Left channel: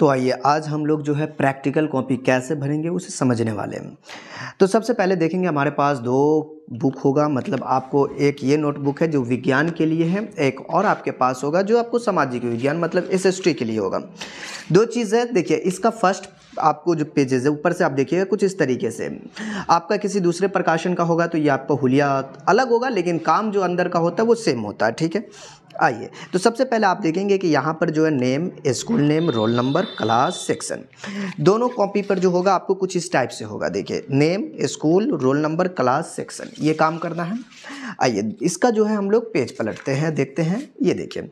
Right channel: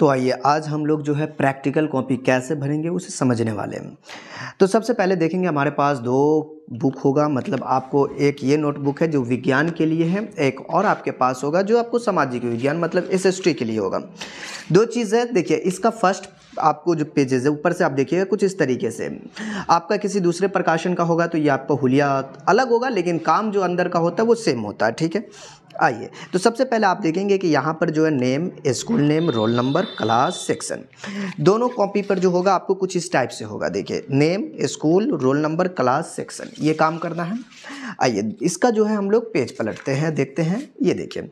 तो आइए आज हम लोग जो है प्रैक्टिकल कॉपी कैसे भरेंगे उसे समझने वाले हैं। तो सबसे पहले देखेंगे हमारे पास दो बुक होगा, मतलब आपको एक ये नोटबुक है जो विज्ञान के लिए है, एक और आपके पास होगा जो आपको सामाजिक विज्ञान मतलब एसएसटी के लिए होगा। दो चीज़ है, देखिए इसका फर्स्ट आपको जो पेजेस है ऊपर से आप देखिएगा कुछ इस तरीके से। आपका किसी दूसरे प्रकाशन का होगा तो ये आपका हुलिया अलग होगा, लेकिन काम जो अंदर का होता है वो सेम होता है, ठीक है। आइए तो सबसे पहले आप देखेंगे कि यहाँ पर जो है name, school name, roll number, class, section, दोनों कॉपी पर जो होगा आपको कुछ इस टाइप से होगा। देखिए name, school, roll number, class, section, ये काम करना है। आइए इसका जो है हम लोग पेज पलटते हैं, देखते हैं। ये देखिए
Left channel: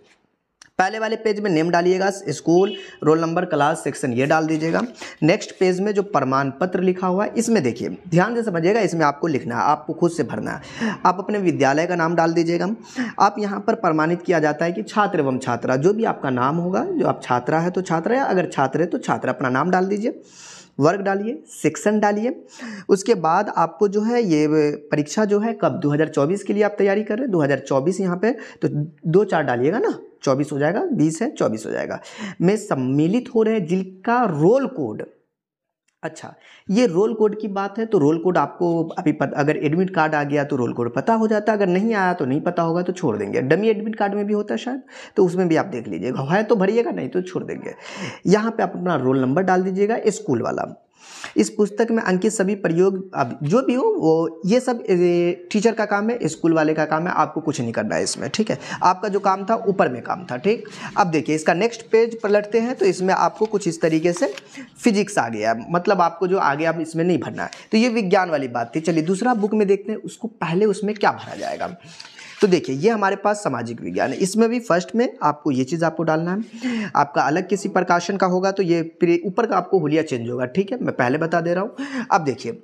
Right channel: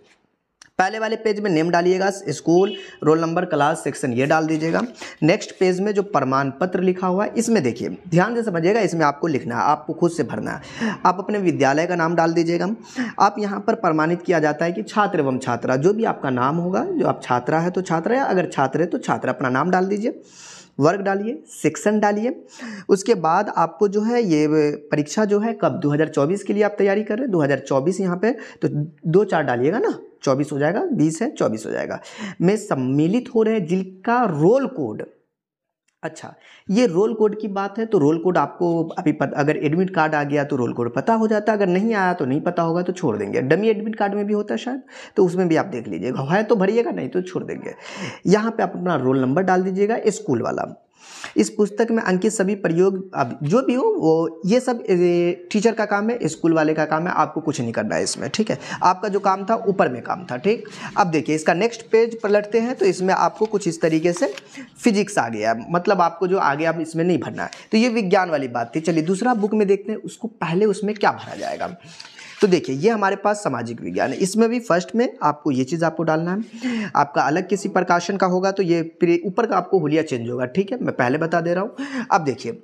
पहले वाले पेज में नेम डालिएगा, school, roll number, class, section ये डाल दीजिएगा। नेक्स्ट पेज में जो प्रमाण पत्र लिखा हुआ है इसमें देखिए ध्यान से समझिएगा, इसमें आपको लिखना है, आपको खुद से भरना है। आप अपने विद्यालय का नाम डाल दीजिएगा। आप यहाँ पर प्रमाणित किया जाता है कि छात्र एवं छात्रा, जो भी आपका नाम होगा, जो आप छात्रा है तो छात्रा, या अगर छात्र है तो छात्रा, अपना नाम डाल दीजिए, वर्ग डालिए, सेक्शन डालिए। उसके बाद आपको जो है ये परीक्षा जो है कब 2024 के लिए आप तैयारी कर रहे हैं, 2024 यहाँ पे तो 2-4 डालिएगा ना, 24 हो जाएगा, 20 है 24 हो जाएगा, में सम्मिलित हो रहे हैं जिनका रोल कोड। अच्छा ये रोल कोड की बात है तो रोल कोड आपको अभी अगर एडमिट कार्ड आ गया तो रोल कोड पता हो जाता है, अगर नहीं आया तो नहीं पता होगा तो छोड़ देंगे। डमी एडमिट कार्ड में भी होता है शायद, तो उसमें भी आप देख लीजिएगा, है तो भरिएगा, नहीं तो छोड़ देंगे। यहाँ पे आप अपना रोल नंबर डाल दीजिएगा, स्कूल वाला। इस पुस्तक में अंकित सभी प्रयोग अब जो भी हो वो ये सब टीचर का काम है, स्कूल वाले का काम है, आपको कुछ नहीं करना है इसमें, ठीक है। आपका जो काम था ऊपर में काम था, ठीक। अब देखिए इसका नेक्स्ट पेज पलटते हैं तो इसमें आपको कुछ इस तरीके से फिजिक्स आ गया, मतलब आपको जो आगे आप इसमें नहीं भरना है। तो ये विज्ञान वाली बात थी। चलिए दूसरा बुक में देखते हैं उसको पहले उसमें क्या भरा जाएगा। तो देखिए ये हमारे पास सामाजिक विज्ञान है, इसमें भी फर्स्ट में आपको ये चीज़ आपको डालना है। आपका अलग किसी प्रकाशन का होगा तो ये ऊपर का आपको हुलिया चेंज होगा, ठीक है, मैं पहले बता दे रहा हूँ। अब देखिए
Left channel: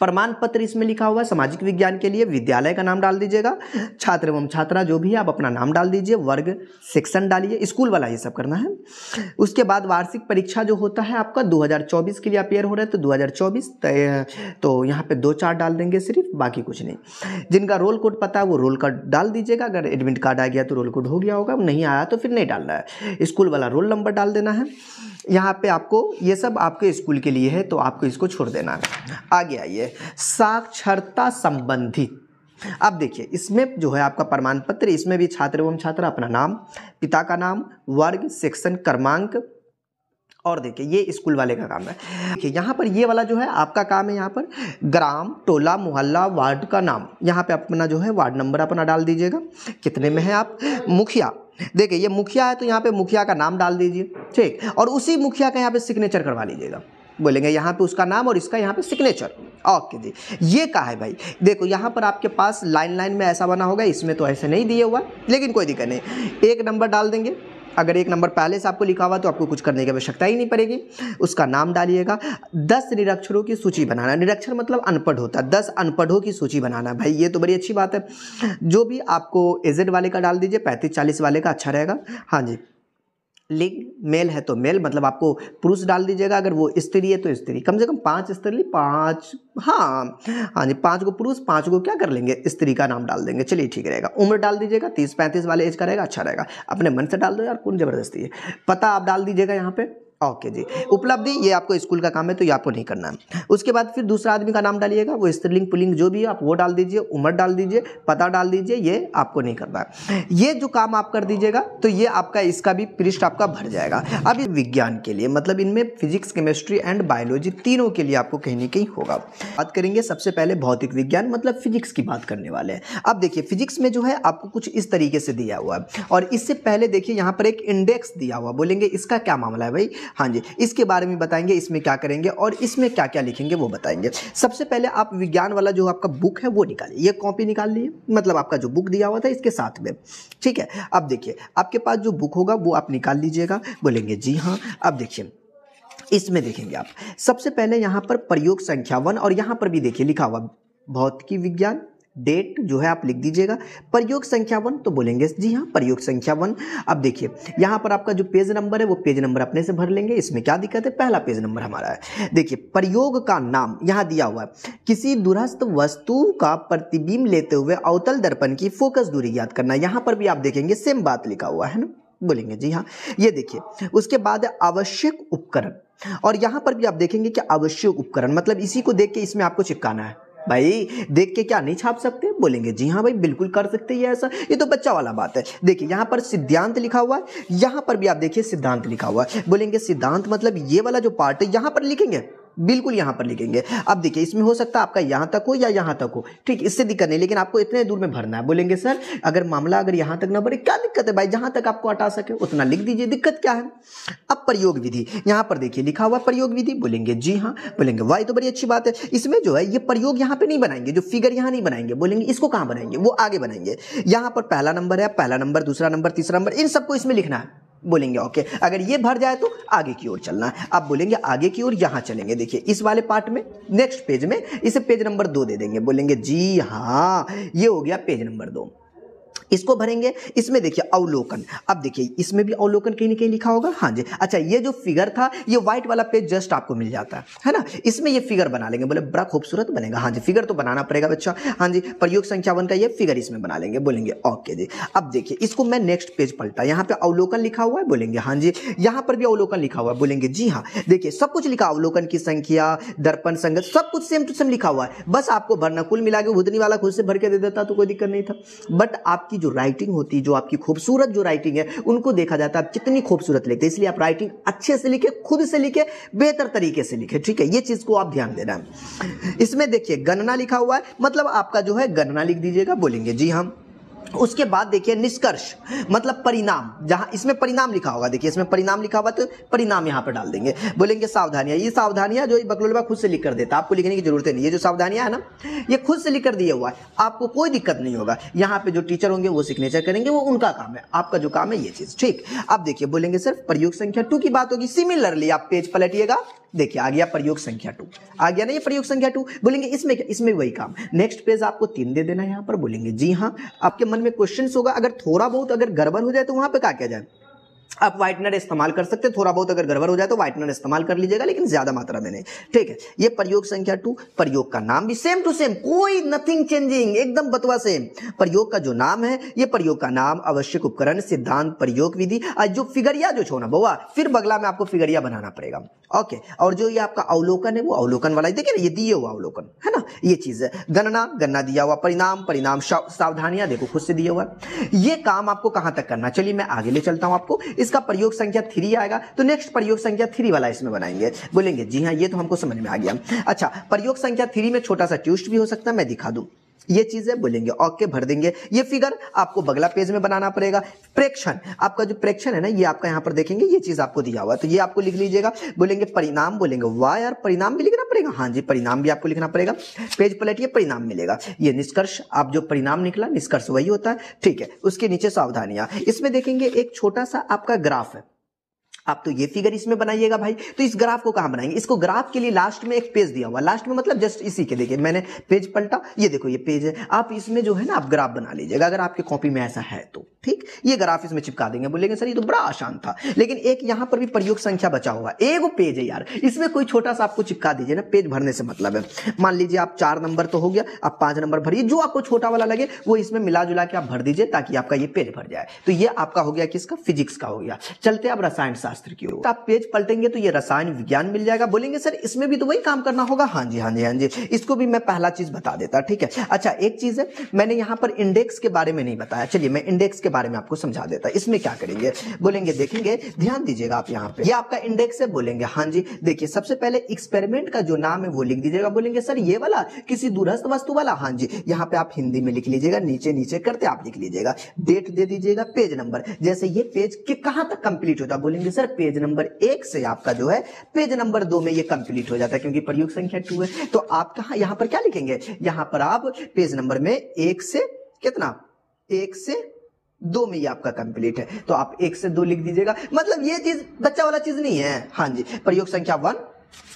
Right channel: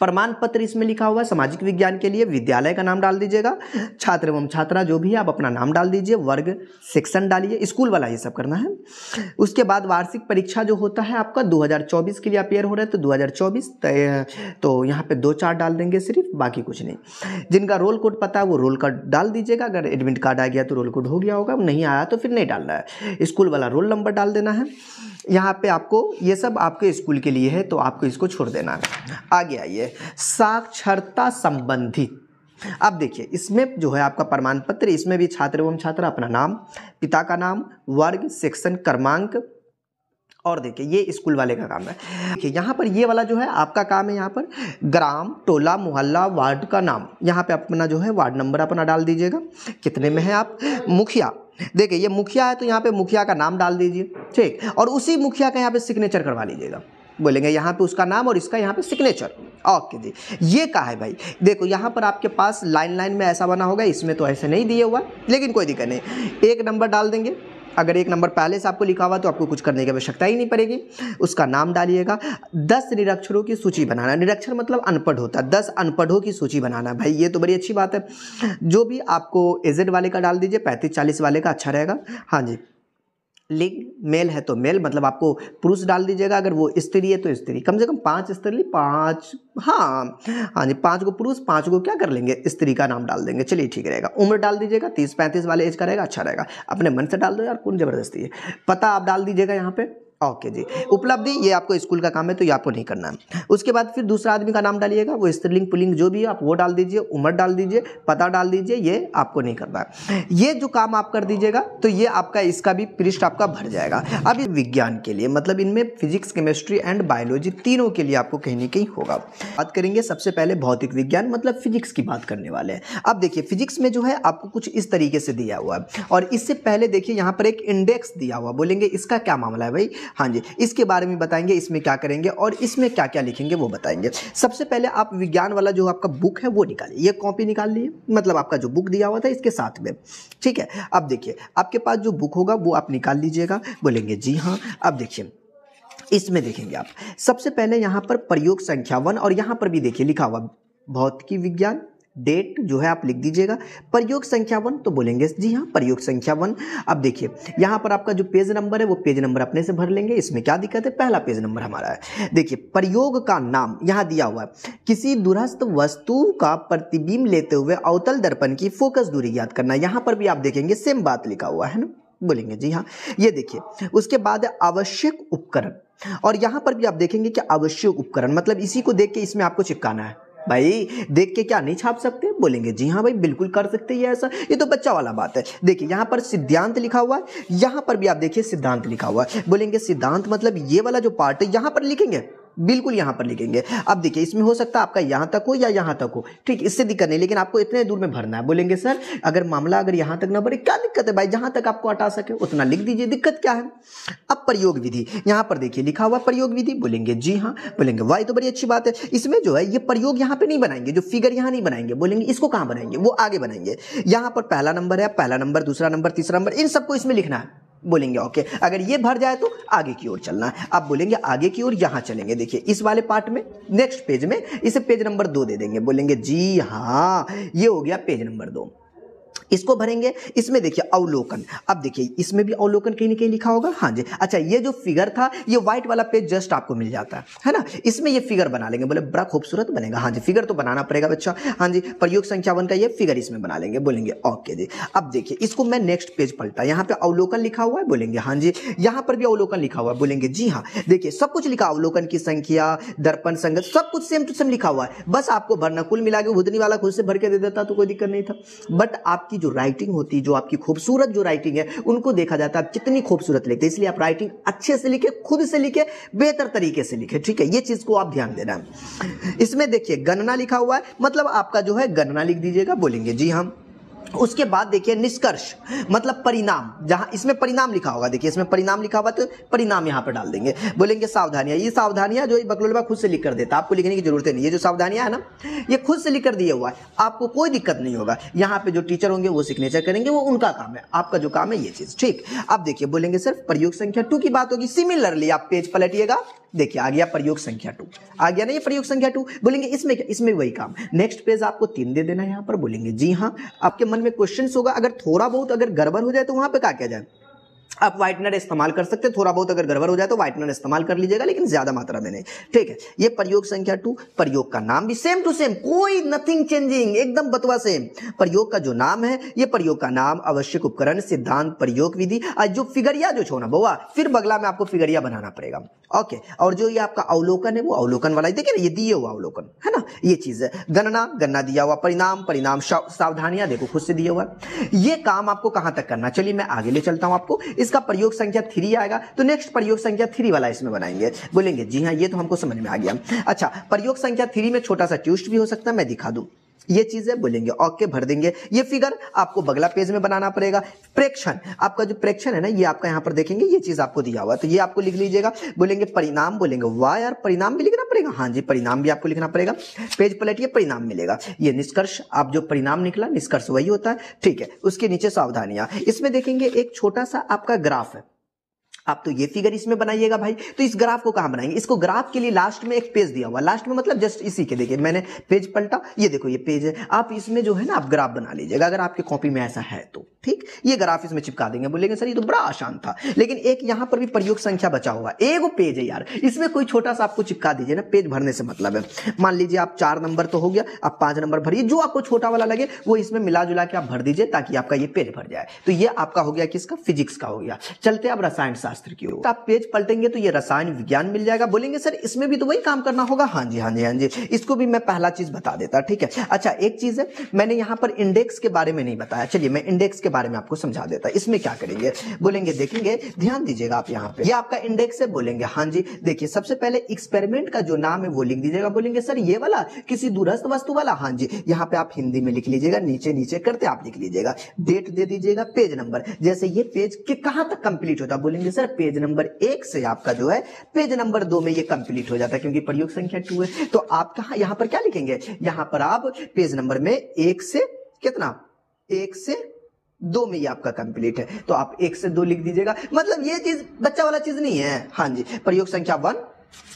प्रमाण पत्र इसमें लिखा हुआ है सामाजिक विज्ञान के लिए, विद्यालय का नाम डाल दीजिएगा, छात्र एवं छात्रा जो भी है आप अपना नाम डाल दीजिए, वर्ग, सेक्शन डालिए, स्कूल वाला ये सब करना है। उसके बाद वार्षिक परीक्षा जो होता है आपका 2024 के लिए अपेयर हो रहा है तो 2024 तो यहाँ पे 2-4 डाल देंगे सिर्फ, बाकी कुछ नहीं। जिनका रोल कोड पता है वो रोल कोड डाल दीजिएगा, अगर एडमिट कार्ड आ गया तो रोल कोड हो गया होगा, नहीं आया तो फिर नहीं डालना है। स्कूल वाला रोल नंबर डाल देना है। यहाँ पे आपको ये सब आपके स्कूल के लिए है तो आपको इसको छोड़ देना है। आगे आइए साक्षरता संबंधित। अब देखिए इसमें जो है आपका प्रमाण पत्र, इसमें भी छात्र एवं छात्रा अपना नाम, पिता का नाम, वर्ग, सेक्शन, क्रमांक, और देखिए ये स्कूल वाले का काम है। देखिए यहाँ पर ये वाला जो है आपका काम है, यहाँ पर ग्राम, टोला, मोहल्ला, वार्ड का नाम, यहाँ पे अपना जो है वार्ड नंबर अपना डाल दीजिएगा, कितने में है आप। मुखिया, देखिए ये मुखिया है तो यहाँ पे मुखिया का नाम डाल दीजिए, ठीक, और उसी मुखिया का यहाँ पे सिग्नेचर करवा लीजिएगा, बोलेंगे यहाँ पे उसका नाम और इसका यहाँ पे सिग्नेचर। ओके जी, ये का है भाई, देखो यहाँ पर आपके पास लाइन लाइन में ऐसा बना होगा, इसमें तो ऐसे नहीं दिए हुआ, लेकिन कोई दिक्कत नहीं, एक नंबर डाल देंगे। अगर एक नंबर पहले से आपको लिखा हुआ तो आपको कुछ करने की आवश्यकता ही नहीं पड़ेगी। उसका नाम डालिएगा। 10 निरक्षरों की सूची बनाना, निरक्षर मतलब अनपढ़ होता है, 10 अनपढ़ों की सूची बनाना। भाई ये तो बड़ी अच्छी बात है। जो भी आपको एजेड वाले का डाल दीजिए, 35-40 वाले का अच्छा रहेगा। हाँ जी, लिंग मेल है तो मेल, मतलब आपको पुरुष डाल दीजिएगा, अगर वो स्त्री है तो स्त्री, कम से कम 5 स्त्री, 5, हाँ 5 को पुरुष, 5 को क्या कर लेंगे, स्त्री का नाम डाल देंगे। चलिए ठीक रहेगा। उम्र डाल दीजिएगा, 30-35 वाले एज का रहेगा, अच्छा रहेगा। अपने मन से डाल दो यार, कौन जबरदस्ती है। पता आप डाल दीजिएगा यहाँ पे। ओके जी। उपलब्धि ये आपको स्कूल का काम है तो ये आपको नहीं करना है। उसके बाद फिर दूसरा आदमी का नाम डालिएगा, वो स्त्रीलिंग पुल्लिंग जो भी है आप वो डाल दीजिए, उम्र डाल दीजिए, पता डाल दीजिए, ये आपको नहीं करना है। ये जो काम आप कर दीजिएगा तो ये आपका इसका भी पृष्ठ आपका भर जाएगा। अब विज्ञान के लिए मतलब इनमें फिजिक्स, केमिस्ट्री एंड बायोलॉजी तीनों के लिए आपको कहीं ना कहीं होगा। बात करेंगे सबसे पहले भौतिक विज्ञान मतलब फिजिक्स की बात करने वाले हैं। अब देखिए फिजिक्स में जो है आपको कुछ इस तरीके से दिया हुआ है, और इससे पहले देखिए यहाँ पर एक इंडेक्स दिया हुआ, बोलेंगे इसका क्या मामला है भाई। हाँ जी, इसके बारे में बताएंगे, इसमें क्या करेंगे और इसमें क्या क्या लिखेंगे वो बताएंगे। सबसे पहले आप विज्ञान वाला जो आपका बुक है वो निकालिए, ये कॉपी निकाल लिए, मतलब आपका जो बुक दिया हुआ था इसके साथ में, ठीक है। अब देखिए आपके पास जो बुक होगा वो आप निकाल लीजिएगा, बोलेंगे जी हाँ। अब देखिए इसमें देखेंगे आप सबसे पहले यहाँ पर प्रयोग संख्या 1, और यहाँ पर भी देखिए लिखा हुआ भौतिकी विज्ञान, डेट जो है आप लिख दीजिएगा। प्रयोग संख्या 1 तो बोलेंगे जी हाँ प्रयोग संख्या 1। अब देखिए यहाँ पर आपका जो पेज नंबर है वो पेज नंबर अपने से भर लेंगे, इसमें क्या दिक्कत है, पहला पेज नंबर हमारा है। देखिए प्रयोग का नाम यहाँ दिया हुआ है, किसी दूरस्थ वस्तु का प्रतिबिंब लेते हुए अवतल दर्पण की फोकस दूरी ज्ञात करना। यहाँ पर भी आप देखेंगे सेम बात लिखा हुआ है ना, बोलेंगे जी हाँ। ये देखिए उसके बाद है आवश्यक उपकरण, और यहां पर भी आप देखेंगे कि आवश्यक उपकरण मतलब इसी को देख के इसमें आपको चिपकाना है। भाई देख के क्या नहीं छाप सकते? बोलेंगे जी हाँ भाई बिल्कुल कर सकते हैं ऐसा, ये तो बच्चा वाला बात है। देखिए यहाँ पर सिद्धांत लिखा हुआ है, यहाँ पर भी आप देखिए सिद्धांत लिखा हुआ है। बोलेंगे सिद्धांत मतलब ये वाला जो पार्ट है यहाँ पर लिखेंगे, बिल्कुल यहां पर लिखेंगे। अब देखिए इसमें हो सकता है आपका यहां तक हो या यहां तक हो, ठीक, इससे दिक्कत नहीं, लेकिन आपको इतने दूर में भरना है। बोलेंगे सर अगर मामला अगर यहां तक ना भरे क्या दिक्कत है भाई, जहां तक आपको हटा सके उतना लिख दीजिए, दिक्कत क्या है। अब प्रयोग विधि यहां पर देखिए लिखा हुआ प्रयोग विधि, बोलेंगे जी हाँ। बोलेंगे वाह तो बड़ी अच्छी बात है। इसमें जो है ये प्रयोग यहां पे नहीं बनाएंगे, जो फिगर यहां नहीं बनाएंगे, बोलेंगे इसको कहां बनाएंगे, वो आगे बनाएंगे। यहां पर पहला नंबर है, पहला नंबर, दूसरा नंबर, तीसरा नंबर, इन सबको इसमें लिखना है। बोलेंगे ओके, अगर ये भर जाए तो आगे की ओर चलना है। आप बोलेंगे आगे की ओर यहां चलेंगे, देखिए इस वाले पार्ट में नेक्स्ट पेज में इसे पेज नंबर 2 दे देंगे। बोलेंगे जी हाँ, ये हो गया पेज नंबर 2, इसको भरेंगे। इसमें देखिए अवलोकन, अब देखिए इसमें भी अवलोकन कहीं न कहीं लिखा होगा। हाँ जी, अच्छा ये जो फिगर था ये व्हाइट वाला पेज जस्ट आपको मिल जाता है ना, इसमें ये फिगर बना लेंगे, बड़ा खूबसूरत बनेगा। हाँ जी फिगर तो बनाना पड़ेगा बच्चा। हाँ जी प्रयोग संख्या 1 का ये फिगर इसमें बना लेंगे। बोलेंगे ओके दे। अब देखिए इसको मैं नेक्स्ट पेज पलटा, यहाँ पे अवलोकन लिखा हुआ है। बोलेंगे हाँ जी, यहाँ पर भी अवलोकन लिखा हुआ है। बोलेंगे जी हाँ, देखिए सब कुछ लिखा, अवलोकन की संख्या, दर्पण संगत, सब कुछ सेम टू सेम लिखा हुआ है। बस आपको भरना, कुल मिला के भूतनी वाला खुद से भर के दे देता तो कोई दिक्कत नहीं था, बट आपकी जो राइटिंग होती है, जो आपकी खूबसूरत जो राइटिंग है उनको देखा जाता है आप कितनी खूबसूरत लिखते हैं, इसलिए आप राइटिंग अच्छे से लिखे, खुद से लिखे, बेहतर तरीके से लिखे, ठीक है, ये चीज को आप ध्यान देना है। इसमें देखिए गणना लिखा हुआ है, मतलब आपका जो है गणना लिख दीजिएगा। बोलेंगे जी हाँ। उसके बाद देखिए निष्कर्ष मतलब परिणाम, जहां इसमें परिणाम लिखा होगा, देखिए इसमें परिणाम लिखा हुआ तो परिणाम यहां पर डाल देंगे। बोलेंगे सावधानियां, ये सावधानियां जो बकलोलबा खुद से लिख कर देता, आपको लिखने की जरूरत नहीं है। जो सावधानियां है ना ये खुद से लिख कर दिया हुआ है, आपको कोई दिक्कत नहीं होगा। यहाँ पे जो टीचर होंगे वो सिग्नेचर करेंगे, वो उनका काम है, आपका जो काम है ये चीज, ठीक। अब देखिए बोलेंगे सिर्फ प्रयोग संख्या 2 की बात होगी। सिमिलरली आप पेज पलटिएगा, देखिए आ गया प्रयोग संख्या 2, आ गया ना ये प्रयोग संख्या 2। बोलेंगे इसमें क्या, इसमें वही काम, नेक्स्ट पेज आपको 3 दे देना यहाँ पर। बोलेंगे जी हाँ। आपके मन में क्वेश्चन होगा, अगर थोड़ा बहुत अगर गड़बड़ हो जाए तो वहां पे क्या किया जाए, आप व्हाइटनर इस्तेमाल कर सकते हैं। थोड़ा बहुत अगर गड़बड़ हो जाए तो व्हाइटनर इस्तेमाल कर लीजिएगा, लेकिन ज्यादा मात्रा में नहीं, ठीक है। ये प्रयोग संख्या 2, प्रयोग का नाम भी सेम टू सेम, कोई नथिंग चेंजिंग, एकदम बतवा सेम। प्रयोग का जो नाम है ये प्रयोग का नाम, आवश्यक उपकरण, सिद्धांत, प्रयोग विधि, और जो फिगरिया जो छोड़ना बउआ, फिर बगला में आपको फिगरिया बनाना पड़ेगा, ओके। और जो ये आपका अवलोकन है वो अवलोकन वाला, देखिए ना ये दिए हुआ अवलोकन है ना, ये चीज है। गणना, गणना दिया हुआ, परिणाम, परिणाम, सावधानियां देखो खुद से दिया हुआ। ये काम आपको कहां तक करना, चलिए मैं आगे ले चलता हूं आपको। इसका प्रयोग संख्या 3 आएगा, तो नेक्स्ट प्रयोग संख्या 3 वाला इसमें बनाएंगे। बोलेंगे जी हाँ, ये तो हमको समझ में आ गया। अच्छा प्रयोग संख्या 3 में छोटा सा ट्विस्ट भी हो सकता है, मैं दिखा दूं ये चीजें। बोलेंगे ओके भर देंगे। ये फिगर आपको बगला पेज में बनाना पड़ेगा। प्रेक्षण, आपका जो प्रेक्षण है ना ये आपका यहाँ पर देखेंगे, ये चीज आपको दिया हुआ, तो ये आपको लिख लीजिएगा। बोलेंगे परिणाम, बोलेंगे वाह यार परिणाम भी लिखना पड़ेगा। हाँ जी परिणाम भी आपको लिखना पड़ेगा, पेज पलटिए परिणाम मिलेगा। ये निष्कर्ष, आप जो परिणाम निकला निष्कर्ष वही होता है, ठीक है। उसके नीचे सावधानियां, इसमें देखेंगे एक छोटा सा आपका ग्राफ है, आप तो ये फिगर इसमें बनाइएगा भाई। तो इस ग्राफ को कहां बनाएंगे, इसको ग्राफ के लिए लास्ट में एक पेज दिया हुआ, लास्ट में मतलब जस्ट इसी के, देखिए मैंने पेज पलटा, ये देखो ये पेज है, आप इसमें जो है ना आप ग्राफ बना लीजिएगा, अगर आपके कॉपी में ऐसा है तो ठीक। ये ग्राफ इसमें चिपका देंगे। बोलेंगे सर ये तो बड़ा आसान था, लेकिन एक यहाँ पर भी प्रयोग संख्या बचा हुआ, एक पेज है यार, इसमें कोई छोटा सा आपको चिपका दीजिए ना, पेज भरने से मतलब है। मान लीजिए आप 4 नंबर तो हो गया, आप 5 नंबर भरिए, जो आपको छोटा वाला लगे वो इसमें मिला जुला के आप भर दीजिए, ताकि आपका ये पेज भर जाए। तो ये आपका हो गया किसका, फिजिक्स का हो गया। चलते अब रसायन शास्त्र की ओर, आप पेज पलटेंगे तो ये रसायन विज्ञान मिल जाएगा। बोलेंगे सर इसमें भी तो वही काम करना होगा। हाँ जी हाँ जी हाँ जी, इसको भी मैं पहला चीज बता देता, ठीक है। अच्छा एक चीज है, मैंने यहाँ पर इंडेक्स के बारे में नहीं बताया, चलिए मैं इंडेक्स के बारे में आपको समझा देता। इसमें क्या करेंगे, बोलेंगे देखेंगे, ध्यान दीजिएगा आप यहाँ पे, ये आपका इंडेक्स है। बोलेंगे हाँ जी, देखिए सबसे पहले एक्सपेरिमेंट का जो नाम है वो लिख दीजिएगा। बोलेंगे सर ये वाला किसी दूरस्थ वस्तु वाला, हाँ जी यहाँ पे आप हिंदी में लिख लीजिएगा, नीचे नीचे करते आप लिख लीजिएगा, डेट दे दीजिएगा, पेज नंबर, जैसे ये पेज के कहां तक कंप्लीट होता। बोलेंगे सर पेज नंबर 1 से आपका जो है पेज नंबर 2 में ये कंप्लीट हो जाता है, क्योंकि प्रयोग संख्या 2 है। तो आप कहां यहाँ पर क्या लिखेंगे, यहाँ पर आप पेज नंबर में 1 से कितना, 1 से 2 में ये आपका कंप्लीट है, तो आप 1 से 2 लिख दीजिएगा। मतलब ये चीज बच्चा वाला चीज नहीं है। हाँ जी प्रयोग संख्या 1,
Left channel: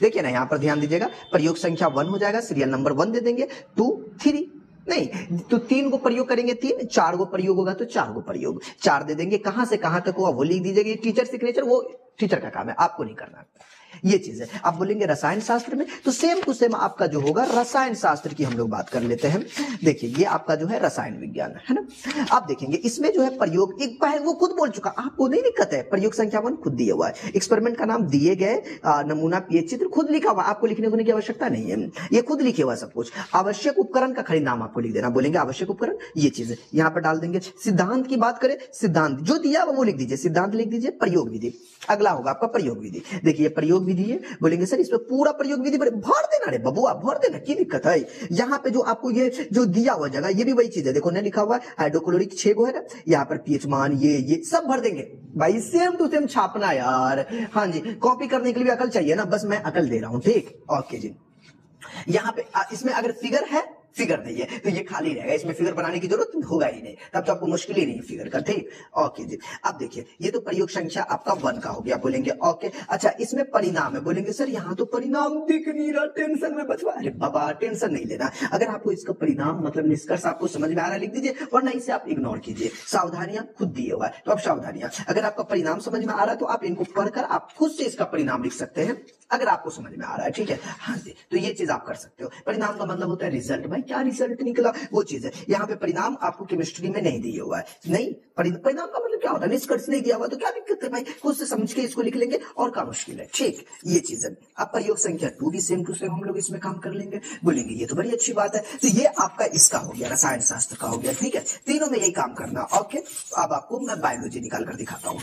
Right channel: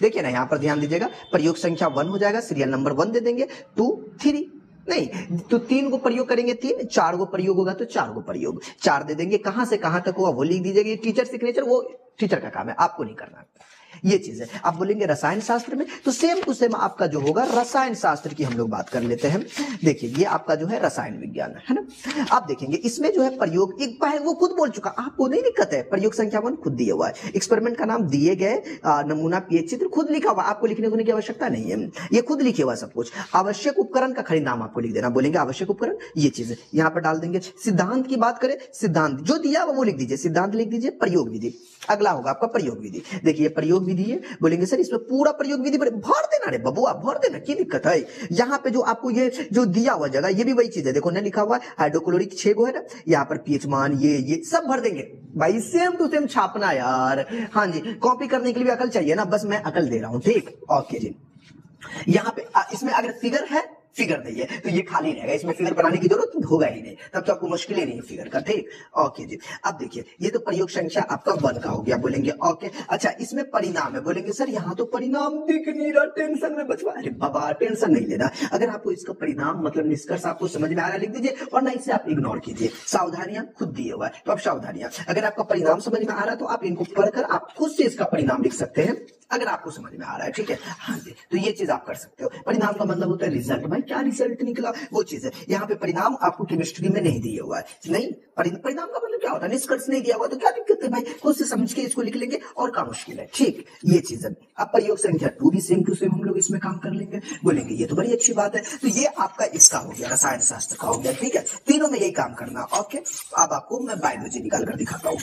देखिए ना यहाँ पर ध्यान दीजिएगा, प्रयोग संख्या 1 हो जाएगा, सीरियल नंबर 1 दे देंगे, 2 3 नहीं तो 3 को प्रयोग करेंगे 3, 4 को प्रयोग होगा तो 4 को प्रयोग 4 दे देंगे। कहां से कहां तक हुआ वो लिख दीजिएगा। टीचर सिग्नेचर वो टीचर का काम है, आपको नहीं करना। ये चीज है। आप बोलेंगे रसायन शास्त्र में, तो सेम टू सेम आपका जो होगा रसायन शास्त्र की हम लोग बात कर लेते हैं। देखिए ये आपका जो है रसायन विज्ञान है ना। आप देखेंगे इसमें जो है प्रयोग एक बार वो खुद बोल चुका, आपको नहीं दिक्कत है। प्रयोग संख्या 1 खुद दिया हुआ है, एक्सपेरिमेंट का नाम दिए गए, नमूना पीएच चित्र खुद लिखा हुआ, आपको लिखने होने की आवश्यकता नहीं है, ये खुद लिखे हुआ सब कुछ। आवश्यक उपकरण का खाली नाम आपको लिख देना, बोलेंगे आवश्यक उपकरण, ये चीज है यहाँ पर डाल देंगे। सिद्धांत की बात करें, सिद्धांत जो दिया वो लिख दीजिए, सिद्धांत लिख दीजिए। प्रयोग विधि अगला होगा आपका प्रयोग विधि। देखिए प्रयोग विधि है, बोलेंगे सर इसमें पूरा प्रयोग विधि भर देना रे बबुआ, भर देना, की दिक्कत है। यहाँ पे जो आपको ये जो दिया हुआ जगह, ये भी वही चीज है, देखो ना लिखा हुआ है हाइड्रोक्लोरिक 6 गो है ना, यहाँ पर पीएच मान ये सब भर देंगे भाई, सेम टू सेम छापना यार। हाँ जी, कॉपी करने के लिए भी अकल चाहिए ना, बस मैं अकल दे रहा हूँ, ठीक। ओके जी, यहाँ पे इसमें अगर फिगर है, फिगर नहीं है तो ये खाली रहेगा, इसमें फिगर बनाने की जरूरत होगा ही नहीं, तब तो आपको मुश्किल ही नहीं है फिगर का, ठीक। ओके जी, अब देखिए ये तो प्रयोग संख्या आपका 1 का हो गया, बोलेंगे ओके। अच्छा इसमें परिणाम है, बोलेंगे सर यहाँ तो परिणाम दिख नहीं रहा, टेंशन में बचवा। अरे बाबा टेंशन नहीं लेना, अगर आपको इसका परिणाम मतलब निष्कर्ष आपको समझ में आ रहा है लिख दीजिए, वरना इसे आप इग्नोर कीजिए। सावधानियां खुद दिए हुआ है, तो आप सावधानियां, अगर आपका परिणाम समझ में आ रहा है तो आप इनको पढ़कर आप खुद से इसका परिणाम लिख सकते हैं, अगर आपको समझ में आ रहा है, ठीक है। हाँ जी, तो ये चीज आप कर सकते हो। परिणाम का मतलब होता है रिजल्ट, भाई क्या रिजल्ट निकला वो चीज है। यहाँ पे परिणाम आपको केमिस्ट्री में नहीं दिया हुआ है, नहीं परिणाम का मतलब क्या होता है, निष्कर्ष नहीं दिया हुआ तो क्या दिक्कत है भाई, खुद से समझ के इसको लिख लेंगे, और क्या मुश्किल है, ठीक। ये चीज है। अब प्रयोग संख्या 2 भी सेम टू सेम हम लोग इसमें काम कर लेंगे, बोलेंगे ये तो बड़ी अच्छी बात है। तो ये आपका इसका हो गया, रसायन शास्त्र का हो गया, ठीक है। तीनों में यही काम करना, ओके। अब आपको मैं बायोलॉजी निकाल कर दिखाता हूँ।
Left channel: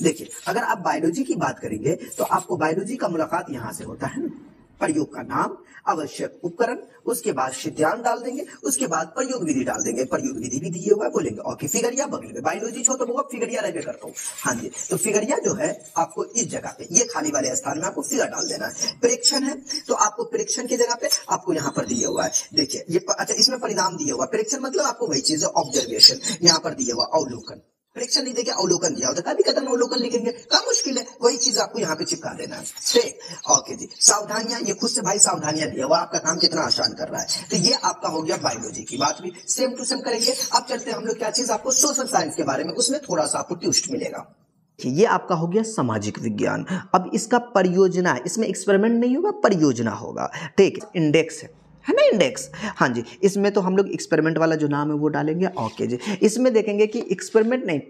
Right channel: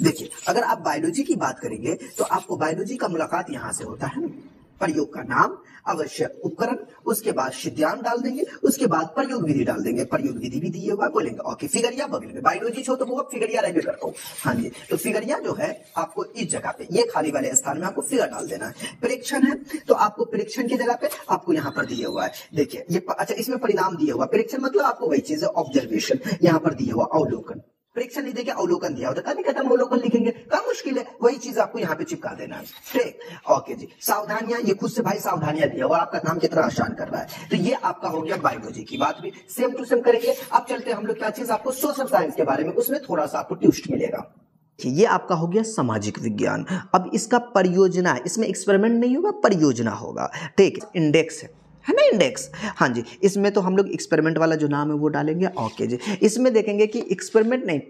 देखिए अगर आप बायोलॉजी की बात करेंगे तो आपको बायोलॉजी का मुलाकात यहां से होता है, प्रयोग का नाम, आवश्यक उपकरण, उसके बाद सिद्धांत डाल देंगे, उसके बाद प्रयोग विधि डाल देंगे, प्रयोग विधि भी दिए होगा, बोलेंगे ओके। फिगरिया बगल में, बायोलॉजी छो तो होगा फिगरिया रह करता हूँ। हाँ जी, तो फिगरिया जो है आपको इस जगह पे, ये खाली वाले स्थान में आपको फिगर डाल देना है। परीक्षण है तो आपको परीक्षण की जगह पे आपको यहाँ पर दिया हुआ है, देखिए ये अच्छा इसमें परिणाम दिया हुआ, परीक्षण मतलब आपको वही चीज है ऑब्जर्वेशन, यहाँ पर दिया हुआ अवलोकन, परीक्षण नहीं देंगे अवलोकन दिया होता, कभी कदम अवलोकन लिखेंगे, क्या मुश्किल है, वही चीज आपको यहाँ पे चिपका देना है, ठीक। ओके जी, सावधानियां, ये खुद से भाई सावधानियां दिया हुआ, आपका काम कितना आसान कर रहा है। तो ये आपका हो गया बायोलॉजी की बात भी सेम टू सेम करेंगे। अब चलते हैं हम लोग क्या चीज आपको सोशल साइंस के बारे में, उसमें थोड़ा सा आपको ट्विस्ट मिलेगा। ये आपका हो गया सामाजिक विज्ञान। अब इसका परियोजना, इसमें एक्सपेरिमेंट नहीं होगा, परियोजना होगा, ठीक। इंडेक्स है ना, इंडेक्स, हाँ जी, इसमें तो हम लोग एक्सपेरिमेंट वाला जो नाम है वो डालेंगे, ओके जी। इसमें देखेंगे कि एक्सपेरिमेंट नहीं,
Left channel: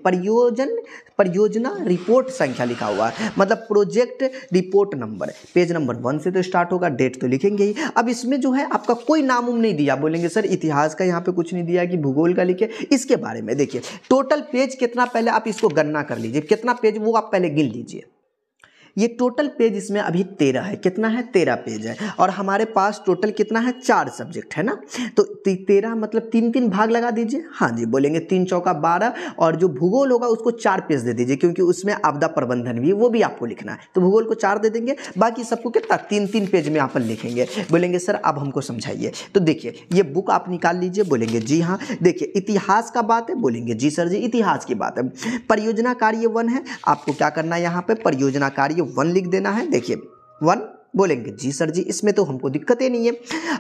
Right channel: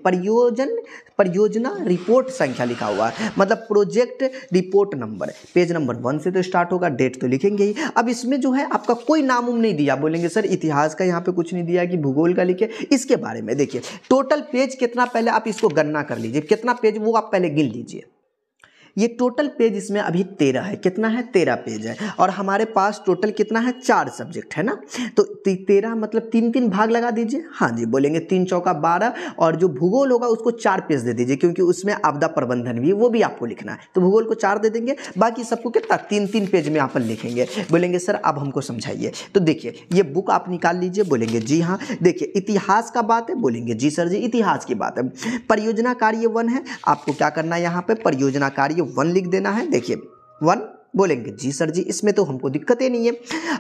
परियोजना रिपोर्ट संख्या लिखा हुआ है, मतलब project report number, page number 1 से तो स्टार्ट होगा, डेट तो लिखेंगे ही। अब इसमें जो है आपका कोई नाम नहीं दिया, बोलेंगे सर इतिहास का यहाँ पे कुछ नहीं दिया कि भूगोल का लिखे, इसके बारे में देखिए टोटल पेज कितना, पहले आप इसको गणना कर लीजिए कितना पेज, वो आप पहले गिन लीजिए। ये टोटल पेज इसमें अभी 13 है, कितना है 13 पेज है, और हमारे पास टोटल कितना है 4 सब्जेक्ट है ना, तो 13 मतलब 3-3 भाग लगा दीजिए। हाँ जी, बोलेंगे 3 चौका 12, और जो भूगोल होगा उसको 4 पेज दे दीजिए, क्योंकि उसमें आपदा प्रबंधन भी वो भी आपको लिखना है, तो भूगोल को 4 दे देंगे, बाकी सबको कितना 3-3 पेज में आप लिखेंगे। बोलेंगे सर अब हमको समझाइए, तो देखिए ये बुक आप निकाल लीजिए, बोलेंगे जी हाँ। देखिए इतिहास का बात है, बोलेंगे जी सर जी इतिहास की बात है। परियोजना कार्य 1 है, आपको क्या करना है यहाँ पे परियोजना कार्य 1 लिख देना है, देखिए 1, बोलेंगे जी सर जी इसमें तो हमको दिक्कत ही नहीं है।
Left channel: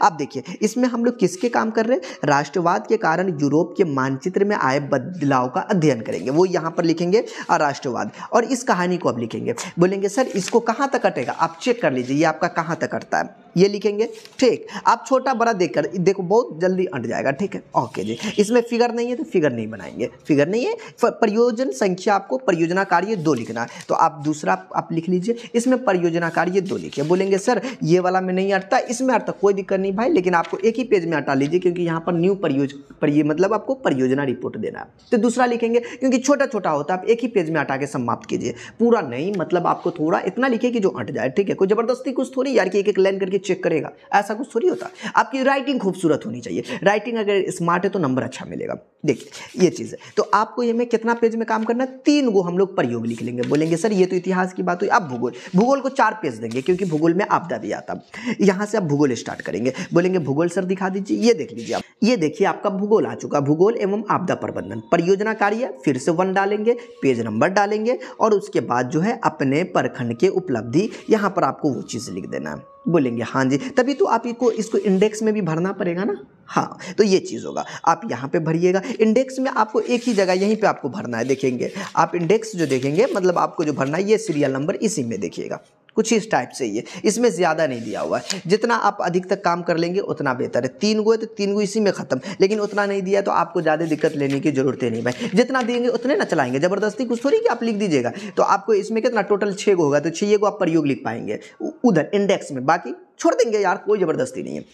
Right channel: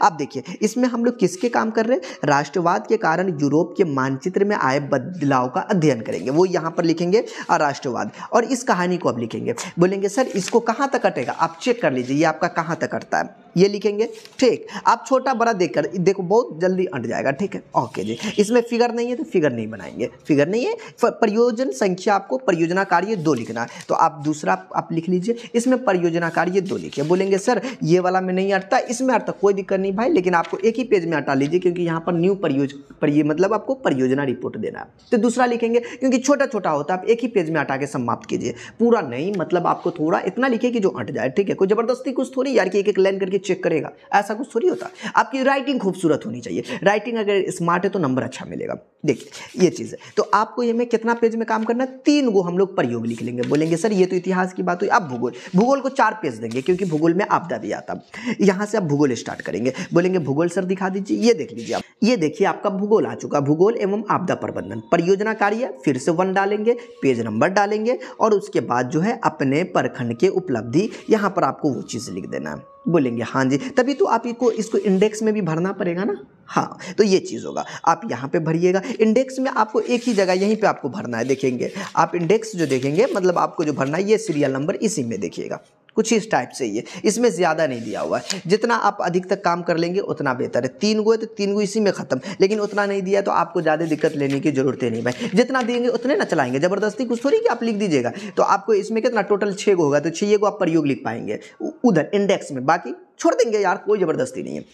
अब देखिए इसमें हम लोग किसके काम कर रहे हैं, राष्ट्रवाद के कारण यूरोप के मानचित्र में आए बदलाव का अध्ययन करेंगे, वो यहाँ पर लिखेंगे राष्ट्रवाद, और इस कहानी को अब लिखेंगे। बोलेंगे सर इसको कहाँ तक कटेगा, आप चेक कर लीजिए ये आपका कहाँ तक कटता है, ये लिखेंगे, ठीक। आप छोटा बड़ा देखकर देखो बहुत जल्दी अंट जाएगा, ठीक है, ओके जी। इसमें फिगर नहीं है तो फिगर नहीं बनाएंगे, फिगर नहीं है, परियोजना संख्या आपको परियोजना कार्य 2 लिखना है, तो आप दूसरा आप लिख लीजिए, इसमें परियोजना कार्य 2 लिखिए। बोलेंगे सर ये वाला में नहीं अटता, इसमें अटता, कोई दिक्कत नहीं भाई, लेकिन आपको एक ही पेज में हटा लीजिए, क्योंकि यहाँ पर न्यू मतलब आपको परियोजना रिपोर्ट देना है, तो दूसरा लिखेंगे, क्योंकि छोटा छोटा होता है, आप एक ही पेज में हटा के समाप्त कीजिए, पूरा नहीं, मतलब आपको थोड़ा इतना लिखिए कि जो अट जाए, ठीक है। कोई जबरदस्ती कुछ थोड़ी यार कि एक एक लाइन करके चेक करेगा, ऐसा कुछ थोड़ी होता। आपकी राइटिंग खूबसूरत होनी चाहिए, राइटिंग अगर स्मार्ट है तो नंबर अच्छा मिलेगा। देखिए ये चीज़ है, तो आपको ये में कितना पेज में काम करना है, 3 गो हम लोग प्रयोग लिख लेंगे। बोलेंगे सर ये तो इतिहास की बात हुई, अब भूगोल को 4 पेज देंगे, क्योंकि भूगोल में आपदा भी आता। यहाँ से आप भूगोल स्टार्ट करेंगे, बोलेंगे भूगोल सर दिखा दीजिए, ये देख लीजिए आप, ये देखिए आपका भूगोल आ चुका, भूगोल एवं आपदा प्रबंधन, परियोजना कार्य फिर से 1 डालेंगे, पेज नंबर डालेंगे, और उसके बाद जो है अपने प्रखंड के उपलब्धि, यहाँ पर आपको वो चीज़ लिख देना है। बोलेंगे हाँ जी, तभी तो आप इसको इंडेक्स में भी भरना पड़ेगा ना, हाँ, तो ये चीज़ होगा, आप यहाँ पे भरिएगा। इंडेक्स में आपको एक ही जगह यहीं पे आपको भरना है, देखेंगे आप इंडेक्स जो देखेंगे मतलब आपको जो भरना है ये सीरियल नंबर इसी में देखिएगा, कुछ इस टाइप से ही है, इसमें ज़्यादा नहीं दिया हुआ है। जितना आप अधिक तक काम कर लेंगे उतना बेहतर है। 3 गो है तो 3 गो इसी में ख़त्म, लेकिन उतना नहीं दिया तो आपको ज़्यादा दिक्कत लेने की ज़रूरत ही नहीं भाई। जितना देंगे उतने ना चलाएंगे, ज़बरदस्ती कुछ थोड़ी कि आप लिख दीजिएगा। तो आपको इसमें कितना टोटल 6 गो होगा, तो 6 को आप प्रयोग लिख पाएंगे उधर इंडेक्स में, बाकी छोड़ देंगे यार, कोई ज़बरदस्ती नहीं है।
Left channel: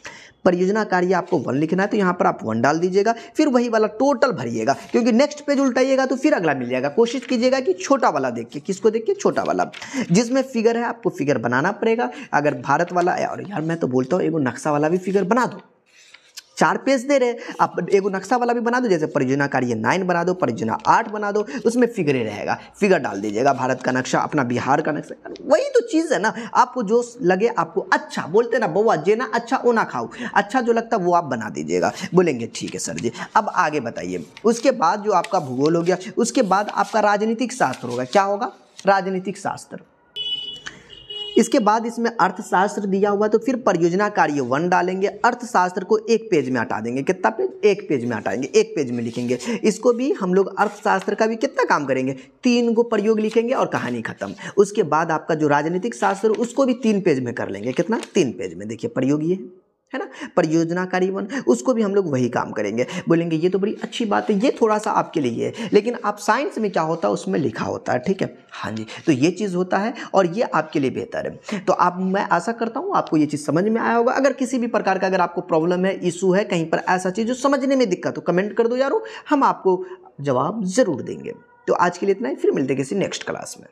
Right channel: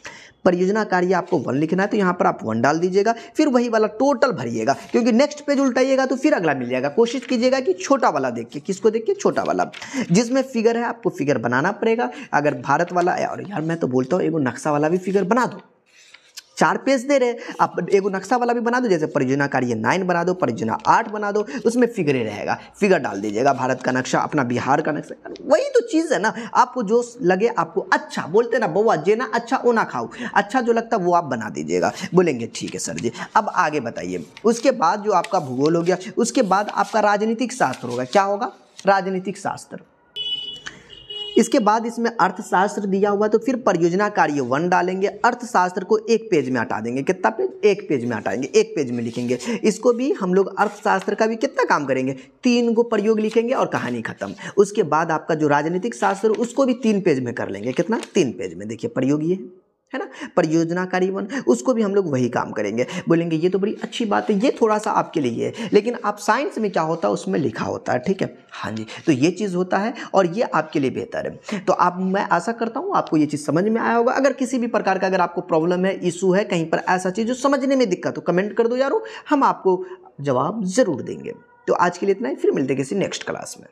परियोजना कार्य आपको 1 लिखना है तो यहाँ पर आप 1 डाल दीजिएगा, फिर वही वाला टोटल भरिएगा, क्योंकि नेक्स्ट पेज उल्टाइएगा तो फिर अगला मिल जाएगा। कोशिश कीजिएगा कि छोटा वाला देख के, किसको देख के, छोटा वाला जिसमें फिगर है आपको फिगर बनाना पड़ेगा। अगर भारत वाला है, और यार मैं तो बोलता हूँ एगो नक्शा वाला भी फिगर बना दो, 4 पेज दे रहे आप, एगो नक्शा वाला भी बना दो, जैसे परियोजना कार्य 9 बना दो, परियोजना 8 बना दो, उसमें फिगर ही रहेगा, फिगर डाल दीजिएगा। भारत का नक्शा, अपना बिहार का नक्शा, वही तो चीज़ है ना। आपको जो लगे, आपको अच्छा बोलते ना बउआ जेना अच्छा ओ ना खाओ, अच्छा जो लगता वो आप बना दीजिएगा। बोलेंगे ठीक है सर जी। अब आगे बताइए, उसके बाद जो आपका भूगोल हो गया, उसके बाद आपका राजनीतिक शास्त्र होगा। क्या होगा? राजनीतिक शास्त्र। इसके बाद इसमें अर्थशास्त्र दिया हुआ, तो फिर परियोजना कार्य 1 डालेंगे, अर्थशास्त्र को 1 पेज में हटा देंगे। कितना पेज? 1 पेज में हटाएंगे, 1 पेज में लिखेंगे। इसको भी हम लोग अर्थशास्त्र का भी कितना काम करेंगे, 3 को प्रयोग लिखेंगे और कहानी खत्म। उसके बाद आपका जो राजनीतिक शास्त्र उसको भी 3 पेज में कर लेंगे। कितना? 3 पेज में। देखिए प्रयोग ये है ना, परियोजना कार्य 1, उसको भी हम लोग वही काम करेंगे। बोलेंगे ये तो बड़ी अच्छी बात है, ये थोड़ा सा आपके लिए है, लेकिन आप साइंस में क्या होता है उसमें लिखा होता है, ठीक है। हाँ जी, तो ये चीज़ होता है और ये आपके लिए बेहतर है। तो आप, मैं आशा करता हूँ आपको ये चीज़ समझ में आया होगा। अगर किसी भी प्रकार का अगर आपको प्रॉब्लम है, इशू है, कहीं पर ऐसा चीज़ जो समझने में दिक्कत हो, कमेंट कर दो यारो, हम आपको जवाब ज़रूर देंगे। तो आज के लिए इतना ही, फिर मिलते हैं किसी नेक्स्ट क्लास में।